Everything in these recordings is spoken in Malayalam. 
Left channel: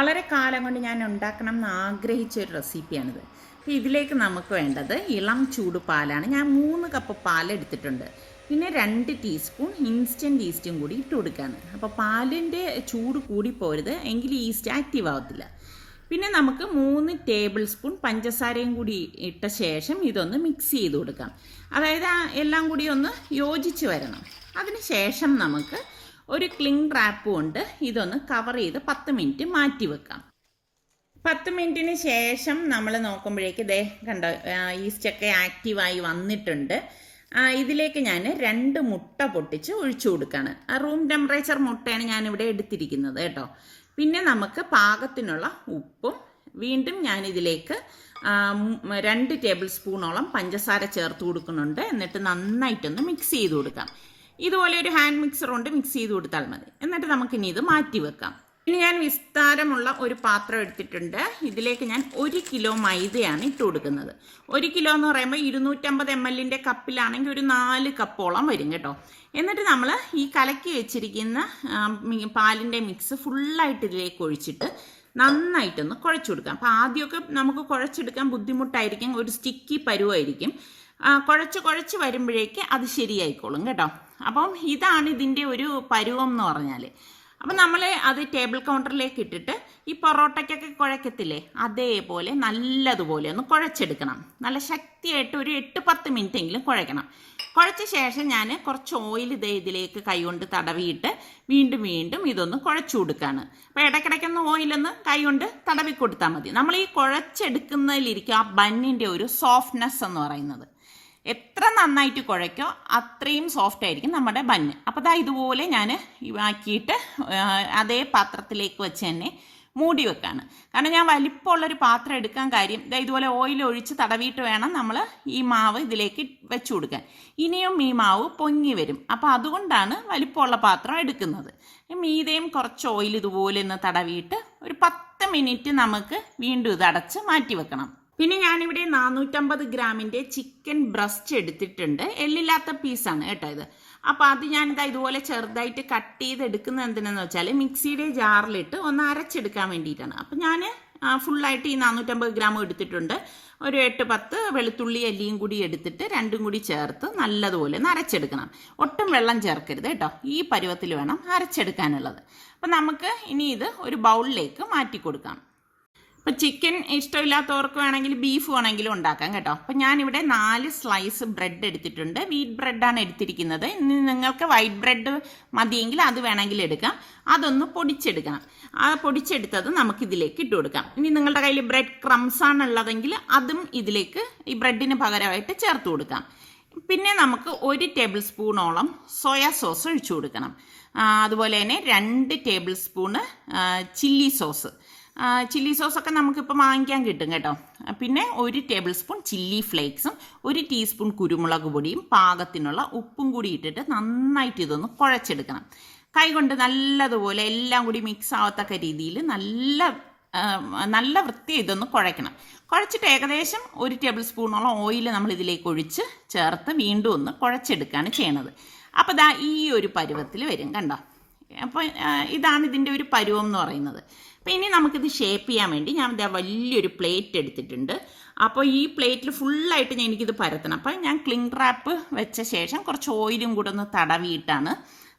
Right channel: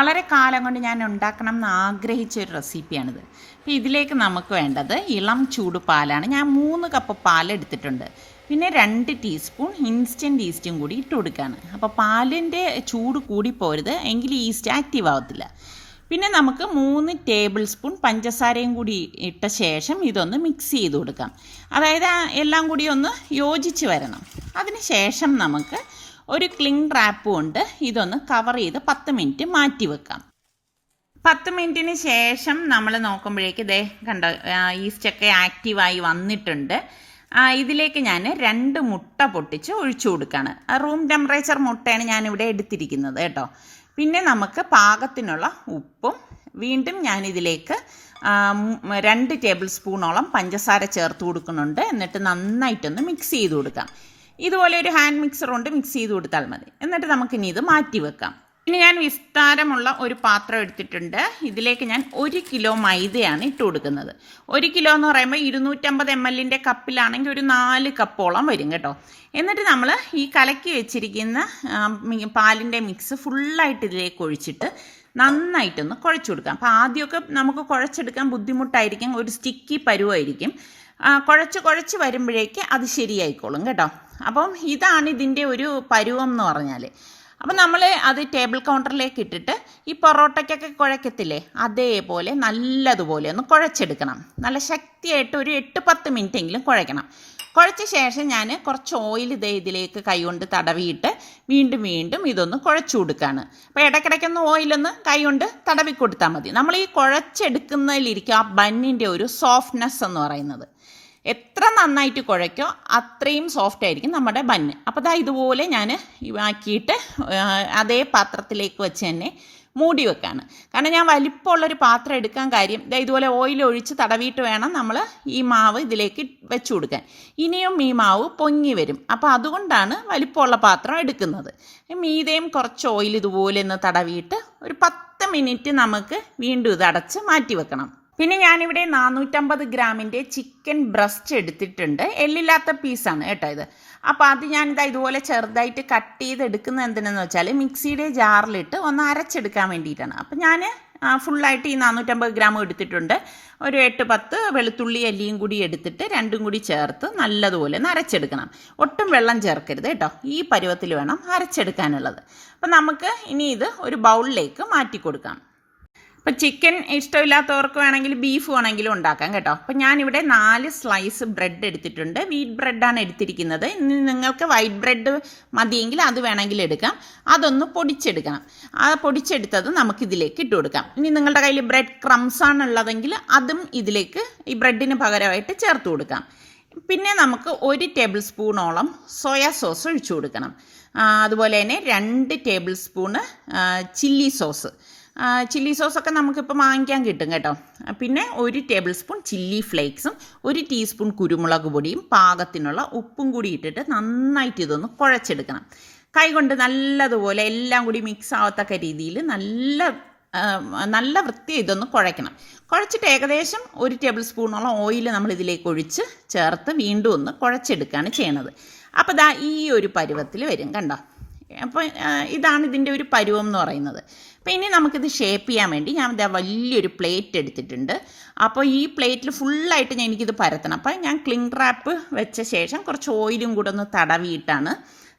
വളരെ കാലം കൊണ്ട് ഞാൻ ഉണ്ടാക്കണം എന്ന് ആഗ്രഹിച്ച ഒരു റെസിപ്പിയാണിത്. അപ്പോൾ ഇതിലേക്ക് നമുക്ക് വേണ്ടത് ഇളം ചൂട് പാലാണ്. ഞാൻ 3 കപ്പ് പാൽ എടുത്തിട്ടുണ്ട്. പിന്നെ 2 ടീസ്പൂൺ ഇൻസ്റ്റൻറ്റ് ഈസ്റ്റും കൂടി ഇട്ട് കൊടുക്കുകയാണ്. അപ്പോൾ പാലിൻ്റെ ചൂട് കൂടിപ്പോരുത്, എങ്കിൽ ഈസ്റ്റ് ആക്റ്റീവ് ആവത്തില്ല. പിന്നെ നമുക്ക് 3 ടേബിൾ സ്പൂൺ പഞ്ചസാരയും കൂടി ഇട്ട ശേഷം ഇതൊന്ന് മിക്സ് ചെയ്ത് കൊടുക്കാം. അതായത് എല്ലാം കൂടി ഒന്ന് യോജിച്ച് വരണം. അതിന് ശേഷം നമുക്ക് ഒരു ക്ലിംഗ് റാപ്പ് കൊണ്ട് ഇതൊന്ന് കവർ ചെയ്ത് 10 മിനിറ്റ് മാറ്റി വെക്കാം. 10 മിനിറ്റിന് ശേഷം നമ്മൾ നോക്കുമ്പോഴേക്ക് ഇതേ കണ്ടോ, ഈസ്റ്റൊക്കെ ആക്റ്റീവായി വന്നിട്ടുണ്ട്. ഇതിലേക്ക് ഞാൻ 2 മുട്ട പൊട്ടിച്ച് ഒഴിച്ചു കൊടുക്കുകയാണ്. റൂം ടെമ്പറേച്ചർ മുട്ടയാണ് ഞാനിവിടെ എടുത്തിരിക്കുന്നത് കേട്ടോ. പിന്നെ നമുക്ക് പാകത്തിനുള്ള ഉപ്പും, വീണ്ടും ഞാനിതിലേക്ക് 2 ടേബിൾ സ്പൂണോളം പഞ്ചസാര ചേർത്ത് കൊടുക്കുന്നുണ്ട്. എന്നിട്ട് നന്നായിട്ടൊന്ന് മിക്സ് ചെയ്ത് കൊടുക്കാം. ഇതുപോലെ ഒരു ഹാൻഡ് മിക്സർ കൊണ്ട് മിക്സ് ചെയ്ത് കൊടുത്താൽ മതി. എന്നിട്ട് നമുക്കിനി ഇത് മാറ്റി വെക്കാം. ഇനി ഞാൻ വിസ്താരമുള്ള ഒരു പാത്രം എടുത്തിട്ടുണ്ട്. ഇതിലേക്ക് ഞാൻ 1 കിലോ മൈദയാണ് ഇട്ട് കൊടുക്കുന്നത്. 1 കിലോ എന്ന് പറയുമ്പോൾ 250 ml കപ്പിലാണെങ്കിൽ ഒരു 4 കപ്പോളം വരും കേട്ടോ. എന്നിട്ട് നമ്മൾ ഈ കലക്കി വെച്ചിരിക്കുന്ന പാലിൻ്റെ മിക്സ് ഫുള്ളായിട്ട് ഇതിലേക്ക് ഒഴിച്ചിട്ട് നന്നായിട്ടൊന്ന് കുഴച്ച് കൊടുക്കാം. അപ്പോൾ ആദ്യമൊക്കെ നമുക്ക് കുഴച്ചെടുക്കാൻ ബുദ്ധിമുട്ടായിരിക്കും, ഒരു സ്റ്റിക്കി പരുവായിരിക്കും. കുഴച്ച് വരുമ്പോഴേക്ക് അത് ശരിയായിക്കോളും കേട്ടോ. അപ്പം ഇതാണ് ഇതിൻ്റെ ഒരു പരുവം എന്ന് പറഞ്ഞാൽ. അപ്പം നമ്മൾ അത് ടേബിൾ കൗണ്ടറിലേക്ക് ഇട്ടിട്ട് ഈ പൊറോട്ടയ്ക്കൊക്കെ കുഴക്കത്തില്ലേ, അതേപോലെ നല്ലതുപോലെ ഒന്ന് കുഴച്ചെടുക്കണം. നല്ല ശക്തിയായിട്ട് ഒരു 8-10 മിനിറ്റെങ്കിലും കുഴക്കണം. കുഴച്ച ശേഷം ഞാൻ കുറച്ച് ഓയിൽ ഇതിലേക്ക് കൈകൊണ്ട് തടവിയിട്ട് വീണ്ടും ഇതൊന്ന് കുഴച്ചു കൊടുക്കുകയാണ്. അപ്പോൾ ഇടയ്ക്കിടയ്ക്കൊന്ന് ഓയിലൊന്ന് കൈകൊണ്ട് തടവി കൊടുത്താൽ മതി. നമ്മൾ ഈ കുഴച്ചെടുക്കുന്നതിലിരിക്കും ആ ബന്നിൻ്റെ ഒരു സോഫ്റ്റ്നെസ് എന്ന് പറയുന്നത്. എത്ര നന്നായിട്ട് കുഴയ്ക്കോ അത്രയും സോഫ്റ്റ് ആയിരിക്കും നമ്മുടെ ബന്ന്. അപ്പോൾ ഇതുപോലെ ഞാൻ ആക്കിയിട്ട് അതേ പാത്രത്തിലേക്ക് വെച്ച് തന്നെ മൂടി വെക്കാണ്. കാരണം ഞാൻ വലിപ്പമുള്ളൊരു പാത്രം എടുക്കാൻ കാര്യം ഇതുപോലെ ഓയിൽ ഒഴിച്ച് തടവിയിട്ട് വേണം നമ്മൾ ഈ മാവ് ഇതിലേക്ക് വെച്ച് കൊടുക്കാൻ. ഇനിയും ഈ മാവ് പൊങ്ങി വരും. അപ്പോൾ അതുകൊണ്ടാണ് വലിപ്പമുള്ള പാത്രം എടുക്കുന്നത്. മീതയും കുറച്ച് ഓയിൽ ഇതുപോലെ ഒന്ന് തടവിയിട്ട് ഒരു 10 മിനിറ്റ് നമുക്ക് വീണ്ടും ഇത് അടച്ച് മാറ്റി വെക്കണം. പിന്നെ ഞാനിവിടെ 450 ഗ്രാമിൻ്റെ ചിക്കൻ ബ്രസ്റ്റ് എടുത്തിട്ടുണ്ട്. എല്ലില്ലാത്ത പീസാണ് കേട്ടോ ഇത്. അപ്പോൾ അത് ഞാനിതാ ഇതുപോലെ ചെറുതായിട്ട് കട്ട് ചെയ്തെടുക്കുന്നത് എന്തിനെന്ന് വെച്ചാൽ മിക്സിയുടെ ജാറിലിട്ട് ഒന്ന് അരച്ചെടുക്കാൻ വേണ്ടിയിട്ടാണ്. അപ്പോൾ ഞാൻ ഫുള്ളായിട്ട് ഈ 450 ഗ്രാം എടുത്തിട്ടുണ്ട്. ഒരു 8-10 വെളുത്തുള്ളി അല്ലിയും കൂടി എടുത്തിട്ട് 2 കൂടി ചേർത്ത് നല്ലതുപോലെ ഒന്ന് അരച്ചെടുക്കണം. ഒട്ടും വെള്ളം ചേർക്കരുത് കേട്ടോ. ഈ പരുവത്തിൽ വേണം അരച്ചെടുക്കാനുള്ളത്. അപ്പം നമുക്ക് ഇനി ഇത് ഒരു ബൗളിലേക്ക് മാറ്റി കൊടുക്കാം. അപ്പോൾ ചിക്കൻ ഇഷ്ടമില്ലാത്തവർക്ക് വേണമെങ്കിൽ ബീഫ് വേണമെങ്കിലും ഉണ്ടാക്കാം കേട്ടോ. അപ്പോൾ ഞാനിവിടെ 4 സ്ലൈസ് ബ്രെഡ് എടുത്തിട്ടുണ്ട്. വീറ്റ് ബ്രെഡാണ് എടുത്തിരിക്കുന്നത്. ഇനി നിങ്ങൾക്ക് വൈറ്റ് ബ്രെഡ് മതിയെങ്കിൽ അത് വേണമെങ്കിൽ എടുക്കാം. അതൊന്ന് പൊടിച്ചെടുക്കണം. ആ പൊടിച്ചെടുത്തത് നമുക്കിതിലേക്ക് ഇട്ട് കൊടുക്കാം. ഇനി നിങ്ങളുടെ കയ്യിൽ ബ്രെഡ് ക്രംസ് ആണുള്ളതെങ്കിൽ അതും ഇതിലേക്ക് ഈ ബ്രെഡിന് പകരമായിട്ട് ചേർത്ത് കൊടുക്കാം. പിന്നെ നമുക്ക് 1 ടേബിൾ സ്പൂണോളം സോയാ സോസ് ഒഴിച്ചു കൊടുക്കണം. അതുപോലെ തന്നെ 2 ടേബിൾ സ്പൂണ് ചില്ലി സോസൊക്കെ നമുക്കിപ്പോൾ വാങ്ങിക്കാൻ കിട്ടും കേട്ടോ. പിന്നെ 1 ടേബിൾ സ്പൂൺ ചില്ലി ഫ്ലേക്സും 1 ടീസ്പൂൺ കുരുമുളക് പൊടിയും പാകത്തിനുള്ള ഉപ്പും കൂടി ഇട്ടിട്ട് നന്നായിട്ട് ഇതൊന്ന് കുഴച്ചെടുക്കണം. കൈകൊണ്ട് നല്ലതുപോലെ എല്ലാം കൂടി മിക്സ് ആവത്തക്ക രീതിയിൽ നല്ല വൃത്തി ഇതൊന്ന് കുഴയ്ക്കണം. കുഴച്ചിട്ട് ഏകദേശം 1 ടേബിൾ സ്പൂണോളം ഓയിൽ നമ്മൾ ഇതിലേക്ക് ഒഴിച്ച് ചേർത്ത് വീണ്ടും ഒന്ന് കുഴച്ചെടുക്കുകയാണ് ചെയ്യണത്. അപ്പോൾ ഈ ഒരു പരുവത്തിൽ വരും കണ്ടോ. അപ്പോൾ ഇതാണ് ഇതിൻ്റെ ഒരു പരുവം എന്ന് പറയുന്നത്. അപ്പോൾ ഇനി നമുക്കിത് ഷേപ്പ് ചെയ്യാൻ വേണ്ടി ഞാൻ വലിയൊരു പ്ലേറ്റ് എടുത്തിട്ടുണ്ട്. അപ്പോൾ ഈ പ്ലേറ്റിൽ ഫുള്ളായിട്ട് എനിക്കിത് പരത്തണം. അപ്പോൾ ഞാൻ ക്ലിംഗ് റാപ്പ് വെച്ച ശേഷം കുറച്ച് ഓയിലും കൂടെ ഒന്ന് തടവിയിട്ടാണ്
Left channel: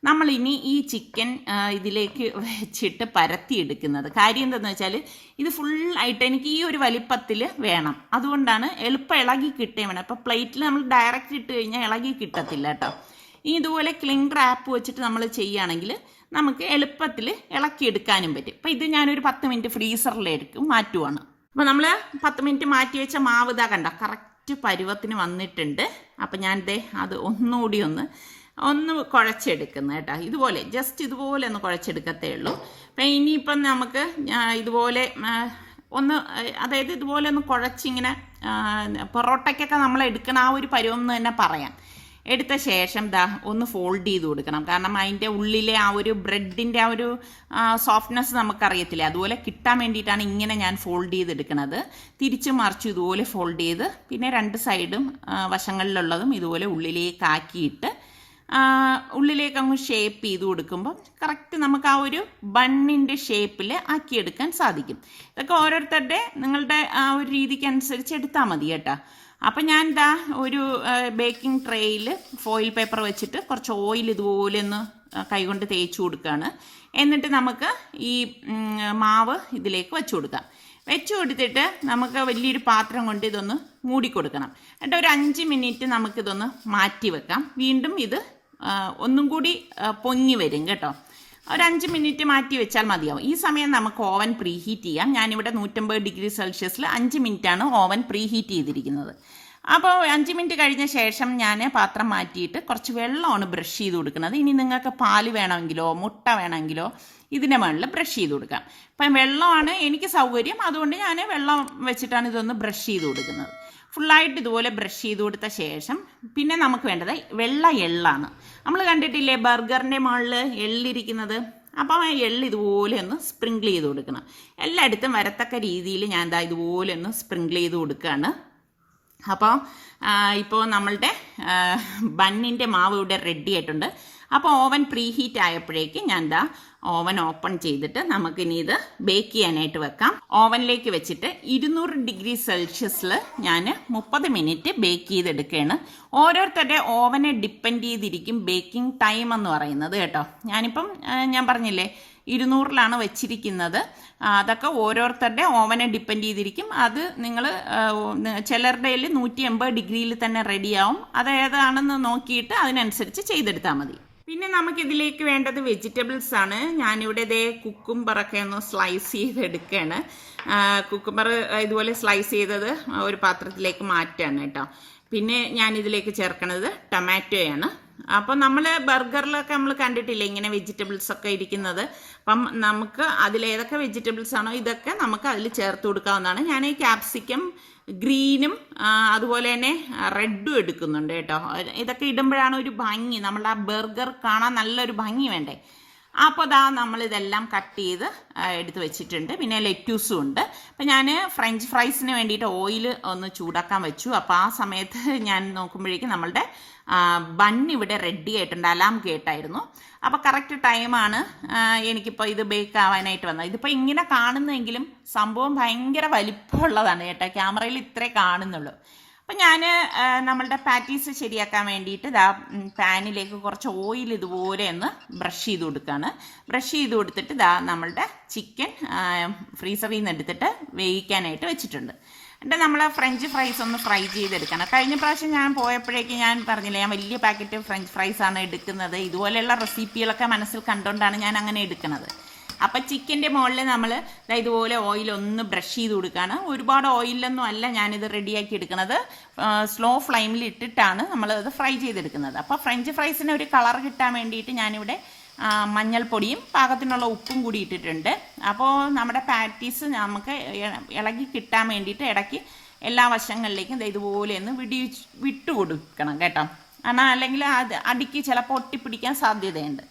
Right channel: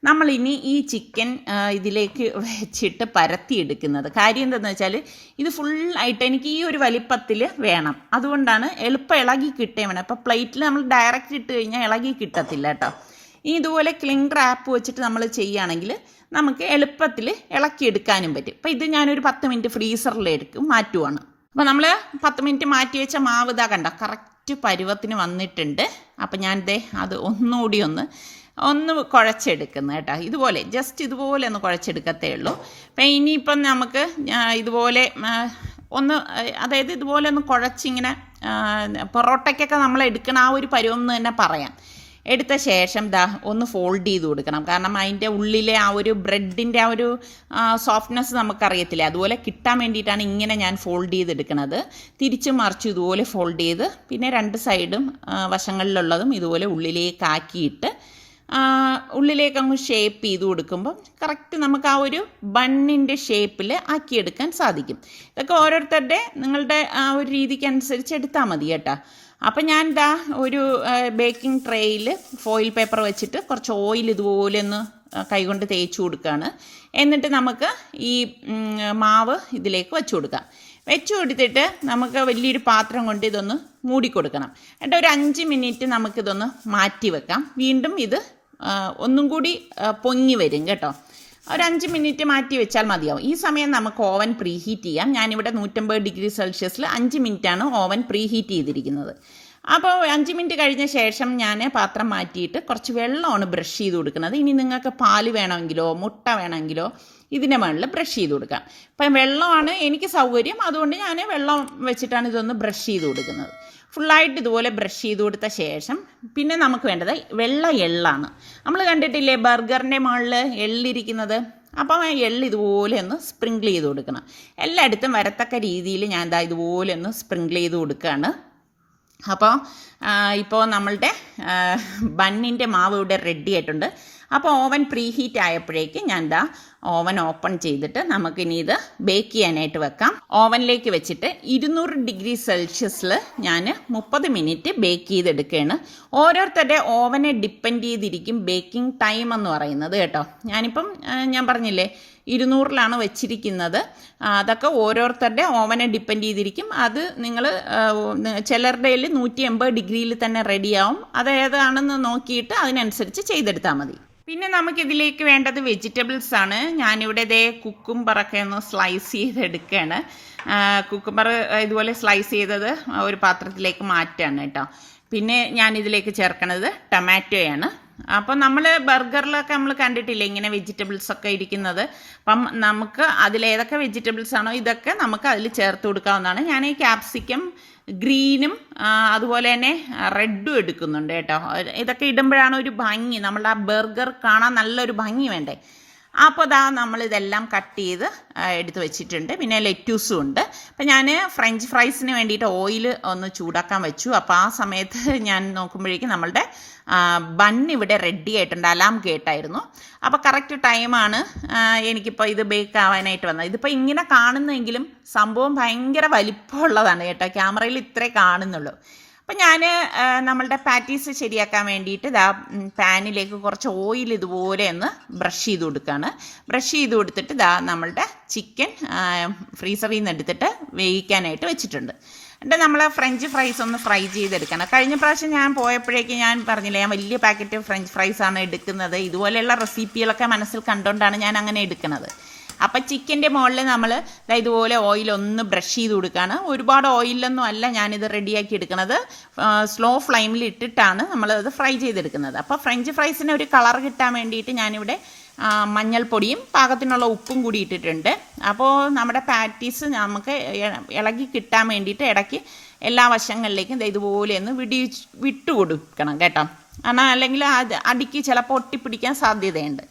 നമ്മളിനി ഈ ചിക്കൻ ഇതിലേക്ക് വെച്ചിട്ട് പരത്തിയെടുക്കുന്നത്. കാര്യം എന്താണെന്ന് വെച്ചാൽ ഇത് ഫുള്ളായിട്ട് എനിക്ക് ഈ ഒരു വലിപ്പത്തിൽ വേണം. അതുകൊണ്ടാണ് എളുപ്പം ഇളകി കിട്ടേ വേണം. അപ്പോൾ പ്ലേറ്റിൽ നമ്മൾ ഡയറക്റ്റ് ഇട്ട് കഴിഞ്ഞാൽ ഇളകി കിട്ടത്തില്ല കേട്ടോ. ഇതുപോലെ ക്ലിംഗ് റാപ്പ് വെച്ചിട്ട് നമ്മൾ ചെയ്യുകയാണെങ്കിൽ നമുക്ക് എളുപ്പത്തിൽ ഇളക്കിയെടുക്കാനും പറ്റും. അപ്പോൾ ഇത് ഞാനൊരു 10 മിനിറ്റ് ഫ്രീസറിലേക്ക് മാറ്റുവാണ്. അപ്പോൾ നമ്മൾ 10 മിനിറ്റ് മാറ്റി വെച്ച മാവ് ഇതാ കണ്ട കറക്റ്റ് പരുവത്തിന് വന്നിട്ടുണ്ട്. അപ്പോൾ ഞാനിതേ അത് ഒന്നുകൂടി ഒന്ന് കുഴച്ചെടുക്കുന്നത് കേട്ടോ. ഇതുപോലെ ജസ്റ്റ് ഇതുപോലെ ഒന്ന് കുഴച്ചെടുക്കത്തേ ഉള്ളൂ. അപ്പം ഇനിയിപ്പം നമുക്ക് ഇതുപോലെ അതായത് ഇതുപോലെ ഒന്ന് കുഴച്ചിങ്ങനെ പൊറോട്ടയ്ക്കൊക്കെ നമ്മൾ എടുക്കണ ആ ഒരു പരുവം എന്ന് തന്നെ പറയാം. എടുത്ത ശേഷം ഒന്ന് ഫോൾഡ് ചെയ്ത് കൊടുക്കണം. കാരണം അതിൻ്റെ ഉള്ളിലെ ആ ഒരു ബ്രെഡിൻ്റെ ആ ഒരു സോഫ്റ്റ്നെസ് നമുക്കറിയത്തില്ല. അതുപോലെ കിട്ടാൻ വേണ്ടിയിട്ടാണ് ഇങ്ങനെ ഞാൻ ഫോൾഡ് ചെയ്തെടുക്കുന്നത്. തിരിച്ച് മറിച്ച് ഇതുപോലെ ഫോൾഡ് ചെയ്ത് പിന്നെ 2 സൈഡും വശങ്ങളിലുള്ളതും ഇതുപോലെ ഉള്ളിലേക്ക് ആക്കിയിട്ട് ഉള്ളിലേക്ക് അങ്ങ് ഷേപ്പ് ചെയ്ത് കൊടുക്കുമ്പോൾ കറക്റ്റ് നമുക്ക് ആ ഒരു ബണ്ണിൻ്റെ ഷേപ്പിൽ ആക്കിയെടുക്കാൻ സാധിക്കും. ഇതൊക്കെ ഓരോരുത്തരുടെ നിങ്ങളുടെ ആ ഒരു രീതിക്ക് അനുസരിച്ച് എടുത്താൽ മതി കേട്ടോ. അപ്പം ഞാൻ ഇതാ ഒരു ബേക്കിംഗ് ട്രേയിൽ ഫോയിൽ പേപ്പർ വെച്ചിട്ട് കുറച്ച് ഓയിൽ ഇതുപോലെ ഒന്ന് കൈകൊണ്ട് തേച്ച് കൊടുക്കുകയാണ്. എന്നിട്ട് നമുക്ക് ഈ മാവ് ഇതിലേക്ക് വെച്ച് കൊടുക്കാം. വെച്ച് കൊടുത്തിട്ട് നമുക്ക് വലിയൊരു പാത്രം കൊണ്ട് ഇതൊന്ന് മൂടിക്കൊടുക്കണം. എന്നിട്ട് ഒരു 5 മിനിറ്റ് നമുക്കിതൊന്ന് മാറ്റി വെക്കാം. വീണ്ടും ഇത് ഒന്നും കൂടി പൊങ്ങി വരും കേട്ടോ. ഒരു 5 മിനിറ്റ് മാറ്റി വെച്ചാൽ മതിയാവും. ഈ സമയം നമുക്ക് ഓവൻ പ്രീഹീറ്റ് ചെയ്യാം. ഞാനിവിടെ 150 ഡിഗ്രി സെൽഷ്യസിൽ 5 മിനിറ്റാണ് ഓവൻ പ്രീഹീറ്റ് ചെയ്തിരിക്കുന്നത്. അപ്പോൾ 5 മിനിറ്റ് കഴിഞ്ഞ ശേഷം ഞാൻ പാത്രം മാറ്റിയിട്ട് കുറച്ച് വെള്ളമാണ് ബ്രഷ് ചെയ്ത് കൊടുക്കുന്നത്. ഇനി നിങ്ങൾക്ക് പാല് വേണമെങ്കിലോ മുട്ട വേണമെങ്കിലോ ഇതിൻ്റെ മുകളിൽ ബ്രഷ് ചെയ്ത് കൊടുക്കാം. അപ്പം വെള്ളമാണ് എനിക്ക് സൗകര്യം, അതുകൊണ്ട് ഞാൻ വെള്ളം വെച്ചിട്ടാണ് ഇതൊന്ന് ബ്രഷ് ചെയ്ത് കൊടുക്കുന്നത്. ഫുള്ളായിട്ട് ഇതുപോലെ ബ്രഷ് ചെയ്ത് കൊടുത്ത ശേഷം പിന്നെ നമുക്ക് വേണ്ടത് വെള്ള എള്ളാണ്. നമ്മൾ കണ്ടിട്ടില്ലേ ബർഗറിൻ്റെ മുകളിൽ എള്ളിരിക്കുന്നത്? അപ്പം ആ എള്ള് ഇതുപോലെ ഒന്ന് സ്പ്രിങ്കിൾ ചെയ്ത് കൊടുക്കണം. എല്ലായിടത്തും വരത്തക്ക രീതിയിൽ ഞാൻ ഇതാ ഇതുപോലെ ഒന്ന് സ്പ്രിങ്കിൾ ചെയ്ത് കൊടുക്കുകയാണ്. അപ്പോൾ ഇപ്പോൾ നമ്മളുടെ ബണ്ണിൻ്റെ മാവ് ഇവിടെ റെഡി ആയിട്ടുണ്ട്. അപ്പോൾ ഓവൻ പ്രീ ഹീറ്റ് ആയപ്പോഴേക്ക് ഞാൻ ദാ ഓവൻ ഓപ്പൺ ചെയ്തിട്ട് നമുക്കിനി ഇത് ബേക്ക് ചെയ്യാനായിട്ട് വെക്കാം. ഓവനിലേക്ക് വെച്ചിട്ട് 200 ഡിഗ്രി സെൽഷ്യസിൽ ഞാൻ 30 മിനിറ്റ് ബേക്ക് ചെയ്തെടുക്കുകയാണ്. ഓരോരുത്തരുടെ ഓവനെ ഡിപ്പെൻഡ് ചെയ്തിരിക്കും ബേക്കിംഗ് ടൈം എന്ന് പറയുന്നത് കേട്ടോ. ഞാനിപ്പം ഞാൻ പറഞ്ഞില്ലേ 200-ലാണ് വെച്ചിരിക്കുന്നത്. അതൊക്കെ ഓരോരുത്തരുടെ ഓവനെ ഡിപ്പെൻഡ് ചെയ്തിരിക്കും. അത് നിങ്ങൾ ചിലരുടെ 180 ഡിഗ്രിയിൽ തന്നെ റെഡിയാവും. അത് ഏതാണെന്ന് നോക്കിയിട്ട് അതിനനുസരിച്ച് ചെയ്തെടുത്താൽ മതി. പിന്നെ നമുക്കിതിലേക്ക് വേണ്ടത് വെജിറ്റബിൾസ് ആണ്. ഞാനിവിടെ ഇതേ കുക്കുംബറൊക്കെ ഒന്ന് സ്ലൈസ് ചെയ്തെടുക്കുകയാണ്. കുക്കുംബർ ഇതുപോലെ സ്ലൈസ് ചെയ്തത് ഒരു പാത്രത്തിലേക്ക് മാറ്റുകയാണ് കേട്ടോ. പിന്നെ ഞാനിതിലേക്ക് ചേർക്കണത് ടൊമാറ്റോയാണ്. അപ്പോൾ നമ്മൾ ബർഗറിലൊക്കെ നമ്മൾ കണ്ടിട്ടില്ലേ ഇങ്ങനെ വെജിറ്റബിൾസ് ഒക്കെ ഇരിക്കുന്നത്. അപ്പം നമുക്ക് അതിലേതൊക്കെ വെജിറ്റബിൾസ് ആണോ ഇതൊക്കെ നമുക്ക് അതിൽ ചേർത്ത് കൊടുക്കാവുന്നതാണ്. ഞാൻ ഈ ക്യാപ്സിക്കം ഗ്രീനും അതുപോലെ തന്നെ റെഡും എടുക്കുന്നുണ്ട് കേട്ടോ. ഇതൊക്കെ ഇടുമ്പോഴാണ് ഒരു ഭംഗി, നമ്മളുടെ ആ ബർഗർ കാണാൻ നല്ലൊരു ഭംഗി വേണ്ടേ. അപ്പോൾ ഇതാ നമ്മളിതെല്ലാം കട്ട് ചെയ്ത് എടുത്ത് വെച്ചിട്ടുണ്ട്. പിന്നെ ലെറ്റ്യൂസും ഉണ്ട്. അപ്പം ഞാൻ ഫ്രഞ്ച് ഫ്രൈസിന് വേണ്ടിയിട്ട് ഓയിൽ ഒന്ന് ചൂടാക്കാൻ വെച്ചു. അപ്പോൾ ആ സമയത്ത് ഞാൻ നോക്കുമ്പോഴേക്കും നമ്മളുടെ ബണ്ണ് ഇവിടെ റെഡി ആയിട്ടുണ്ട്. അലാം കേട്ടായിരുന്നു. അപ്പോൾ കറക്റ്റ് ടൈമാണ് എനിക്കിപ്പോൾ ഇത് ബേക്ക് ആവാനായിട്ട് വന്നത്. ഇതിപ്പോൾ ഇങ്ങനെ കാണുന്നെങ്കിലും സംഭവം ഭയങ്കര വലിപ്പമുള്ളതാണ് കേട്ടോ. ക്യാമറയിൽ ഇത്രേ കാണുന്നുള്ളൂ. അപ്പം ഞാൻ നമ്മളുടെ പാറ്റീസ് ശരിയാക്കാൻ വേണ്ടിയിട്ട് ഇതാ പാനിലേക്ക് കുറച്ച് ഓയിൽ ഇതുപോലെ ഒന്ന് ബ്രഷ് ചെയ്ത് കൊടുക്കുകയാണ്. ബ്രഷ് ചെയ്ത് കൊടുത്തിട്ട് ഇതാ നമ്മളുടെ ചിക്കൻ ഫ്രീസറിൽ നിന്ന് എടുത്തിട്ട് വേവിക്കാനായിട്ട് വെച്ചിട്ടുണ്ട്. എന്നിട്ട് നമ്മൾ ഫ്രഞ്ച് ഫ്രൈസ് ഒന്ന് ഫ്രൈ ചെയ്തെടുക്കണം. കഴിഞ്ഞ പ്രാവശ്യം ഞാൻ പോയപ്പോഴേക്ക് ഞാൻ പറഞ്ഞില്ലേ ഞാൻ വലിയ പാക്കറ്റ് ഫ്രഞ്ച് ഫ്രൈസാണ് എടുക്കുന്നത്. ഇതുപോലെയുള്ള റെസിപ്പികളൊക്കെ മനസ്സിൽ കണ്ടുകൊണ്ടാണ് ഞാൻ അങ്ങനെ എടുക്കുന്നത്. അപ്പം ചിക്കൻ്റെ മുകളിൽ നമ്മൾ ഇതുപോലെ ഓയിലൊന്ന് ബ്രഷ് ചെയ്ത് കൊടുക്കുകയാണ്. ഒരുപാട് ഓയിലൊന്നും അല്ല ഞാനിത് റെഡിയാക്കി എടുക്കുന്നത്. സ്ലോ ഫ്ലെയിമിൽ ഇട്ടിട്ടാണ് നമ്മളത് ഫ്രൈ ചെയ്തെടുക്കുന്നത്. അപ്പോൾ ഫ്രഞ്ച് ഫ്രൈസിന് ഒരു കളർ കിട്ടാൻ വേണ്ടിയിട്ട് ഞാനിവിടെ മഞ്ഞൾപ്പൊടിയും പാകത്തിനുള്ള ഉപ്പും കൂടി ഇട്ടിട്ടുണ്ട്. അപ്പോൾ നമ്മുടെ പാറ്റീസ് നമുക്ക് ഇളകി കിട്ടാൻ വേണ്ടിയിട്ട് ഇടയ്ക്ക് എല്ലാ വശങ്ങളിലേക്കും ഇതുപോലെ ഒന്ന് വിട്ടു കൊടുക്കണം കേട്ടോ. കാരണം അല്ലെങ്കിൽ അത് അടിക്ക് ചിലപ്പോൾ ഒട്ടിപ്പിടിക്കാൻ സാധ്യതയുണ്ട്.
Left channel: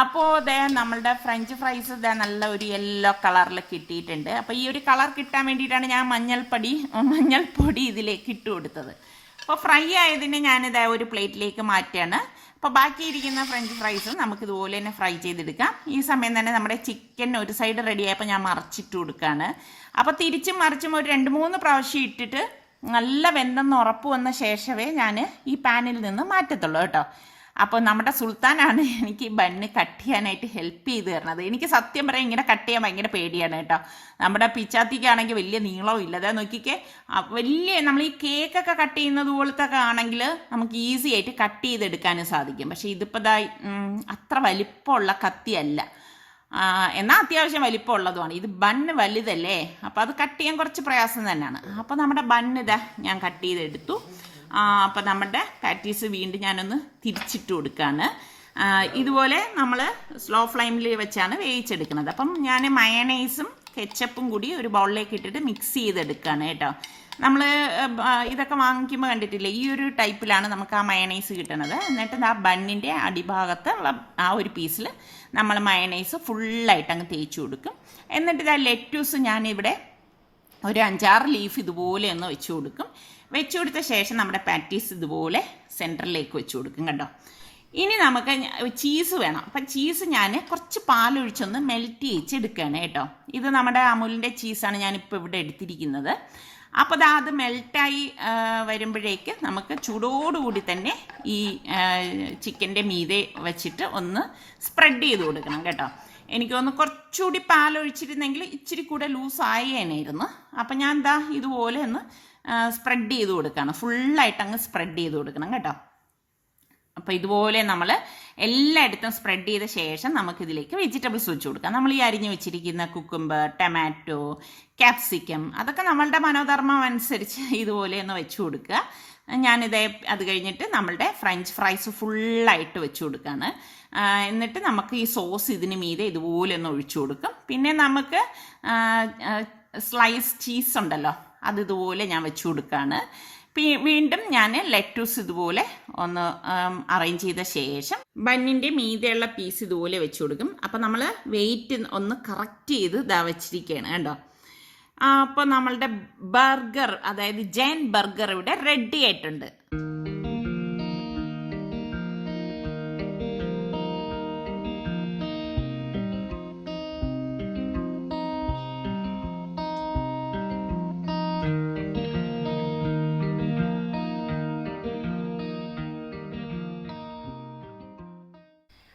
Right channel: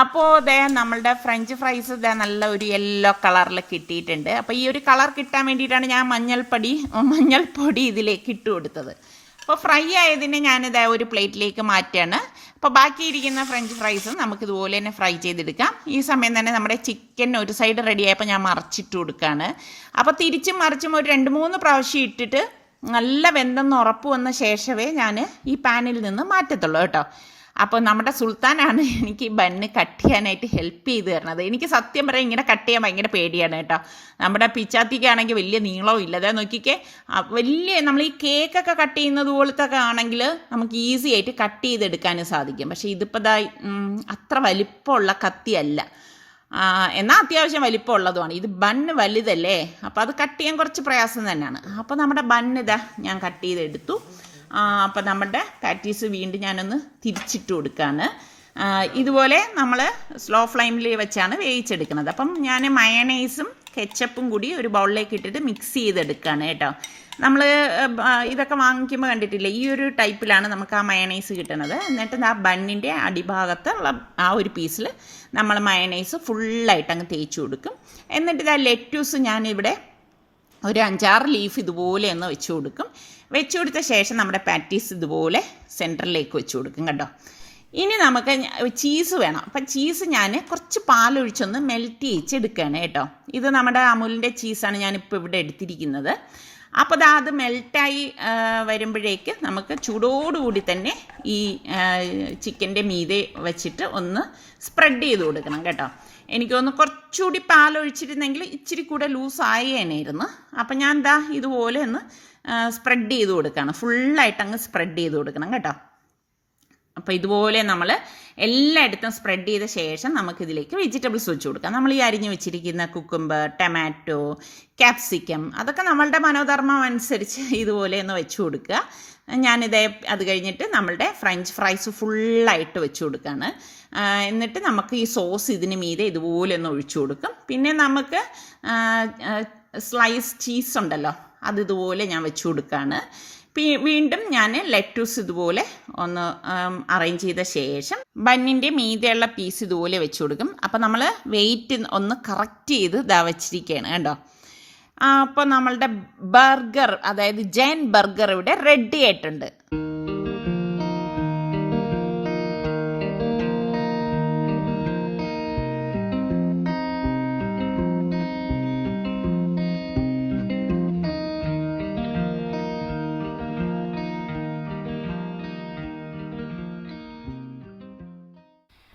അപ്പോൾ നമ്മളുടെ ഫ്രഞ്ച് ഫ്രൈസ് നല്ല ഒരു യെല്ലോ കളറിൽ കിട്ടിയിട്ടുണ്ട്. അപ്പോൾ ഈ ഒരു കളർ കിട്ടാൻ വേണ്ടിയിട്ടാണ് ഞാൻ മഞ്ഞൾപ്പൊടി ഇതിലേക്ക് ഇട്ട് കൊടുത്തത്. അപ്പോൾ ഫ്രൈ ആയതിനെ ഞാനിത് ഒരു പ്ലേറ്റിലേക്ക് മാറ്റുകയാണ്. അപ്പോൾ ബാക്കിയിരിക്കുന്ന ഫ്രഞ്ച് ഫ്രൈസും നമുക്കിതുപോലെ തന്നെ ഫ്രൈ ചെയ്തെടുക്കാം. ഈ സമയം തന്നെ നമ്മുടെ ചിക്കൻ ഒരു സൈഡ് റെഡി ആയപ്പോൾ ഞാൻ മറിച്ചിട്ട് കൊടുക്കുകയാണ്. അപ്പോൾ തിരിച്ചും മറിച്ചും ഒരു 2-3 പ്രാവശ്യം ഇട്ടിട്ട് നല്ല വെന്തെന്ന് ഉറപ്പ് വന്ന ശേഷമേ ഞാൻ ഈ പാനിൽ നിന്ന് മാറ്റത്തുള്ളൂ കേട്ടോ. അപ്പോൾ നമ്മുടെ സുൽത്താനാണ് എനിക്ക് ഈ ബണ്ണ് കട്ട് ചെയ്യാനായിട്ട് ഹെൽപ്പ് ചെയ്ത് തരണത്. എനിക്ക് സത്യം പറയാം ഇങ്ങനെ കട്ട് ചെയ്യാൻ ഭയങ്കര പേടിയാണ് കേട്ടോ. നമ്മുടെ പിച്ചാത്തിക്കാണെങ്കിൽ വലിയ നീളവും ഇല്ല. അതായത് നോക്കിക്കേ, വലിയ നമ്മൾ ഈ കേക്കൊക്കെ കട്ട് ചെയ്യുന്നത് പോലത്തെ ആണെങ്കിൽ നമുക്ക് ഈസി ആയിട്ട് കട്ട് ചെയ്തെടുക്കാനും സാധിക്കും. പക്ഷേ ഇതിപ്പോൾ അത്ര വലിപ്പമുള്ള കത്തിയല്ല, എന്നാൽ അത്യാവശ്യം വലിപ്പമുള്ളതുമാണ്. ഇത് ബണ്ണ് വലുതല്ലേ, അപ്പോൾ അത് കട്ട് ചെയ്യാൻ കുറച്ച് പ്രയാസം തന്നെയാണ്. അപ്പോൾ നമ്മുടെ ബണ്ണ് ഞാൻ കട്ട് ചെയ്തെടുത്തു. അപ്പോൾ നമ്മുടെ പാറ്റീസ് വീണ്ടും ഞാനൊന്ന് തിരിച്ചിട്ട് കൊടുക്കുകയാണ്. ഇതുപോലെ നമ്മൾ സ്ലോ ഫ്ലെയിമിൽ വെച്ചാണ് വേവിച്ചെടുക്കുന്നത്. അപ്പം ഞാൻ മയണൈസും കെച്ചപ്പും കൂടി ഒരു ബൗളിലേക്ക് ഇട്ടിട്ട് മിക്സ് ചെയ്തെടുക്കുകയാണ് കേട്ടോ. നമ്മൾ ഇതൊക്കെ വാങ്ങിക്കുമ്പോൾ കണ്ടിട്ടില്ലേ, ഈ ഒരു ടൈപ്പിലാണ് നമുക്ക് ആ മയണൈസ് കിട്ടുന്നത്. എന്നിട്ട് ആ ബണ്ണിൻ്റെ അടിഭാഗത്തുള്ള ആ ഒരു പീസിൽ നമ്മൾ മയണൈസ് ഫുള്ളായിട്ട് അങ്ങ് തേച്ച് കൊടുക്കും. എന്നിട്ട് ഇതാ ലെറ്റ്യൂസ് ഞാനിവിടെ ഒരു 5-6 ലീഫ് ഇതുപോലെ ഒന്ന് വെച്ച് കൊടുക്കും. വെച്ച് കൊടുത്ത ശേഷം നമ്മുടെ പാറ്റീസ് ഇതുപോലെ സെൻറ്ററിലേക്ക് വെച്ച് കൊടുക്കും കേട്ടോ. ഇനി നമുക്ക് ചീസ് വേണം. അപ്പം ചീസ് ഞാൻ കുറച്ച് പാലൊഴിച്ചൊന്ന് മെൽറ്റ് ചെയ്യിച്ചെടുക്കുകയാണ് കേട്ടോ. ഇത് നമ്മുടെ അമുലിൻ്റെ ചീസാണ് ഞാനിപ്പോൾ ഇവിടെ എടുത്തിരിക്കുന്നത്. അപ്പോൾ അത് മെൽറ്റായി വരുമ്പോഴേക്ക് നമുക്ക് ചൂടോടുകൂടി തന്നെ ഈ ചിക്കൻ്റെ മീതെ വെച്ചിട്ട് ഒന്ന് സ്പ്രെഡ് ചെയ്ത് കൊടുക്കണം കേട്ടോ. എനിക്ക് തോന്നുന്നു കുറച്ചുകൂടി പാലൊഴിച്ചിരുന്നെങ്കിൽ ഇച്ചിരി കൂടെ ലൂസായി തന്നെയായിരുന്നു. അപ്പം ഞാൻ ഇതുപോലെ ഒന്ന് സ്പ്രെഡ് ചെയ്ത് കൊടുക്കണം. ഫുള്ളായിട്ട് അങ്ങ് സ്പ്രെഡ് ചെയ്ത് കൊടുക്കണം കേട്ടോ. അപ്പോൾ ഇതുപോലെ നമ്മൾ എല്ലായിടത്തും സ്പ്രെഡ് ചെയ്ത ശേഷം നമുക്കിതിലേക്ക് വെജിറ്റബിൾസ് വെച്ച് കൊടുക്കാം. നമ്മൾ ഈ അരിഞ്ഞ് വെച്ചിരിക്കുന്ന കുക്കുംബർ, ടൊമാറ്റോ, ക്യാപ്സിക്കം അതൊക്കെ നമ്മളുടെ മനോധർമ്മം അനുസരിച്ച് ഇതുപോലെ ഒന്ന് വെച്ച് കൊടുക്കുക. അത് കഴിഞ്ഞിട്ട് നമ്മളുടെ ഫ്രഞ്ച് ഫ്രൈസ് ഫുള്ളായിട്ട് വെച്ച് കൊടുക്കുകയാണ്. എന്നിട്ട് നമുക്ക് ഈ സോസ് ഇതിന് മീതെ ഇതുപോലെ ഒന്ന് ഒഴിച്ചു കൊടുക്കും. പിന്നെ നമുക്ക് സ്ലൈസ് ചീസ് ഉണ്ടല്ലോ, അതിതുപോലെ ഞാൻ വെച്ച് കൊടുക്കുകയാണ്. വീണ്ടും ഞാൻ ലെറ്റൂസ് ഇതുപോലെ ഒന്ന് അറേഞ്ച് ചെയ്ത ശേഷം ബന്നിൻ്റെ മീതെയുള്ള പീസ് ഇതുപോലെ വെച്ച് കൊടുക്കും. അപ്പോൾ നമ്മൾ വെയിറ്റ് ഒന്ന് കറക്റ്റ് ചെയ്ത് വെച്ചിരിക്കുകയാണ് കേട്ടോ. അപ്പോൾ നമ്മളുടെ ബർഗർ, അതായത് ജയൻ ബർഗർ ഇവിടെ റെഡി ആയിട്ടുണ്ട്.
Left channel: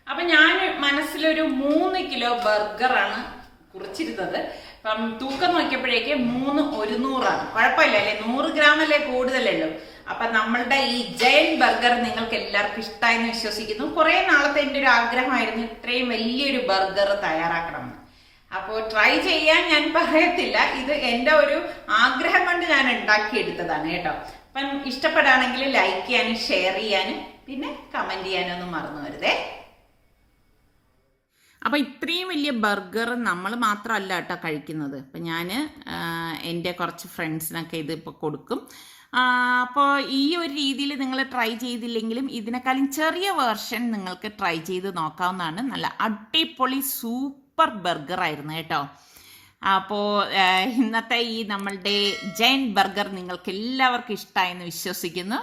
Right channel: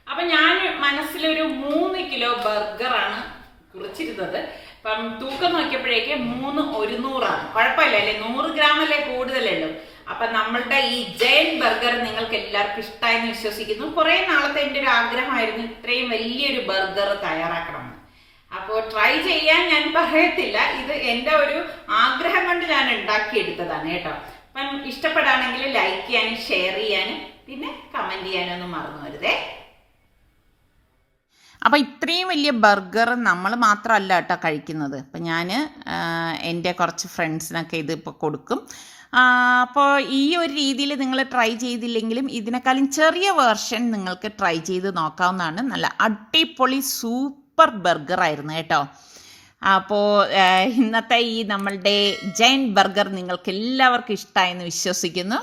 അപ്പം ഞാൻ മനസ്സിലൊരു 3 കിലോ ബർഗറാണ് കുറിച്ചിരുന്നത്. അപ്പം തൂക്കം നോക്കിയപ്പോഴേക്ക് 3 100 കുഴപ്പമില്ല അല്ലേ, 100 ഗ്രാമല്ലേ കൂടുതലുള്ളൂ. അപ്പം നമ്മളുടെ ഈ ജയൻ ബർഗർ നിങ്ങൾക്ക് എല്ലാവർക്കും ഇഷ്ടമായെന്ന് വിശ്വസിക്കുന്നു. കുറേ നാളത്തെ എൻ്റെ ഒരു ആഗ്രഹമായിരുന്നു ഇത്രയും വലിയൊരു ബർഗർ തയ്യാറാക്കണം. അപ്പോൾ ട്രൈ ചെയ്യാൻ ഞാൻ പറയത്തില്ല, ഇത് എൻ്റെ ഒരു ആഗ്രഹം കൊണ്ട് ഞാൻ ഉണ്ടാക്കിയെടുത്തതാണ് കേട്ടോ. അപ്പം ഇഷ്ടപ്പെടുകയാണെങ്കിൽ ലൈക്ക് ചെയ്യാനും ഷെയർ ചെയ്യാനും പിന്നെ കമൻറ്റ് ചെയ്യാനും ഒന്നും മറന്നു വരുതേ. അപ്പോൾ ഇത്രയും വലിയ ബർഗർ നമ്മൾ മാത്രമല്ല കേട്ടോ കഴിക്കുന്നത്. അപ്പം ഞാൻ എൻ്റെ കുറച്ച് ഫ്രണ്ട്സിനൊക്കെ ഇതിപ്പോൾ കൊടുക്കും. അപ്പോൾ ഈ ഒരു രീതിയിൽ നിങ്ങൾ ട്രൈ ചെയ്തില്ലെങ്കിലും ഇതിനേക്കാളും ചെറിയ വേർഷൻ നിങ്ങൾക്ക് ട്രൈ ചെയ്ത് നോക്കാവുന്നതാണ്. നല്ല അടിപൊളി സൂപ്പർ ബർഗറായിരുന്നു കേട്ടോ. അപ്പോൾ ഇന്നത്തെ ഈ നമ്മളുടെ ജയൻ ബർഗർ നിങ്ങൾക്ക് എല്ലാവർക്കും ഇഷ്ടമായെന്ന് വിശ്വസിക്കുന്നു.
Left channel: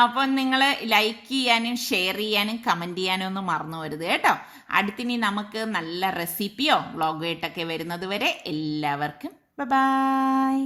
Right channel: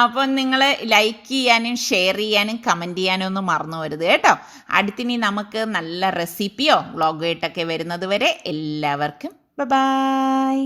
അപ്പോൾ നിങ്ങൾ ലൈക്ക് ചെയ്യാനും ഷെയർ ചെയ്യാനും കമൻറ്റ് ചെയ്യാനും ഒന്നും മറന്നു വരുത് കേട്ടോ. അടുത്തിനി നമുക്ക് നല്ല റെസിപ്പിയോ വ്ളോഗായിട്ടൊക്കെ വരുന്നത് വരെ എല്ലാവർക്കും ബൈ.